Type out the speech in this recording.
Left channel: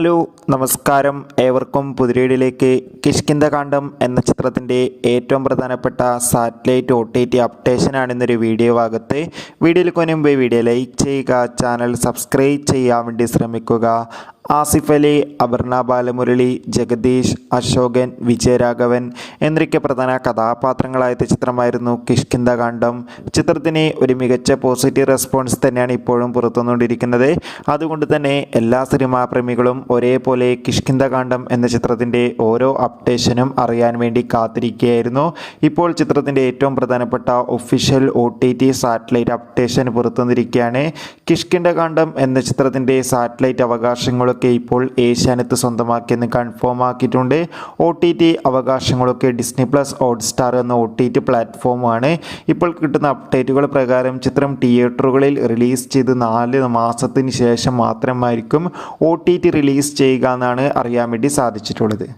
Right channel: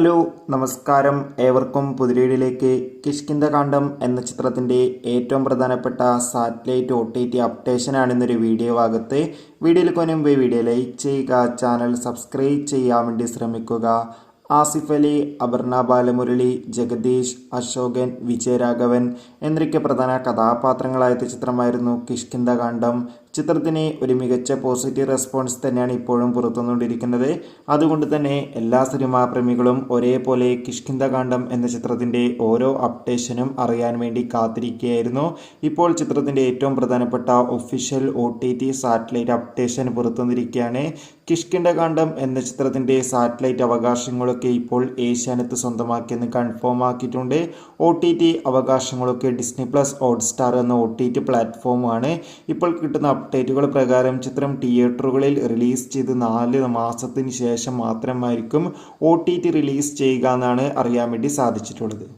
Hello നമസ്കാരം, ഏവർക്കും പുതിരയിലേക്ക് കിഷ്കിന്ധകാണ്ഡം എന്ന ചിത്രത്തിൻ്റെ ഏറ്റവും പ്രധാനപ്പെട്ട സാറ്റലൈറ്റ് OTT അപ്ഡേഷനാണ് ഇന്നൊരു വീഡിയോ ഭാഗത്ത്. വീഡിയോയിൽ മുൻപ് വീഡിയോ ലൈക്ക് ചെയ്യുക, ചാനൽ സബ്സ്ക്രൈബ് ചെയ്യാൻ വേണ്ടി ശ്രമിക്കുക. ആസിഫ് അലി, അപർണ ബാലമുരളി, ജഗദീഷ്, അശോകൻ, വിജയരാഘവൻ എന്നൊക്കെ പ്രധാന കഥാപാത്രങ്ങളായ ചിത്രമായിരുന്നു കിഷ്കിന്ധകാണ്ഡം. ചിത്രത്തിന് ഒരു മികച്ച പോസിറ്റീവ് റെസ്പോൺസ് തന്നെയാണ് ഇപ്പോഴും പുറത്തുവന്നുകൊണ്ടിരിക്കുന്നത്. അതുകൊണ്ട് തന്നെ എല്ലാ സിനിമാ പ്രേമികളും ഒരേപോലെ കിഷ്കിന്ധകാണ്ഡം എന്ന ചിത്രത്തിൻ്റെ ഓരോ അപ്ഡേഷനും അറിയാൻ വേണ്ടി കാത്തിരിക്കുകയായിരുന്നു. ഇപ്പോൾ ചിത്രത്തിൻ്റെ ഏറ്റവും പ്രധാനപ്പെട്ട ഒഫീഷ്യൽ OTT സാറ്റലൈറ്റ് അപ്ഡേഷൻ പുറത്തുവന്നിരിക്കുകയാണ്. കിഷ്കിന്ധകാണ്ഡം എന്ന ചിത്രത്തിൻ്റെ സാറ്റലൈറ്റ് അവകാശങ്ങളൊക്കെ ഇപ്പോൾ ഏഷ്യാനെറ്റ് സ്വന്തമാക്കിയെന്ന് കൺഫേം ആക്കിയിട്ടുണ്ട്. OTT അവകാശങ്ങളൊക്കെ ഡിസ്നി പ്ലസ് ഹോട്ട്സ്റ്റാർ എന്ന OTT പ്ലാറ്റ്ഫോമാണ്. ഇപ്പോൾ കിട്ടുന്ന അപ്ഡേറ്റുകൾ പ്രകാരം ചിത്രം തിയേറ്ററുകളിൽ റിലീസ് ചെയ്ത് 4 മാസത്തിന് ശേഷം മാത്രമായിരിക്കും OTT റിലീസ് ചെയ്യുക എന്നാണ് അറിയാൻ വേണ്ടി സാധിച്ചിട്ടുള്ളത്.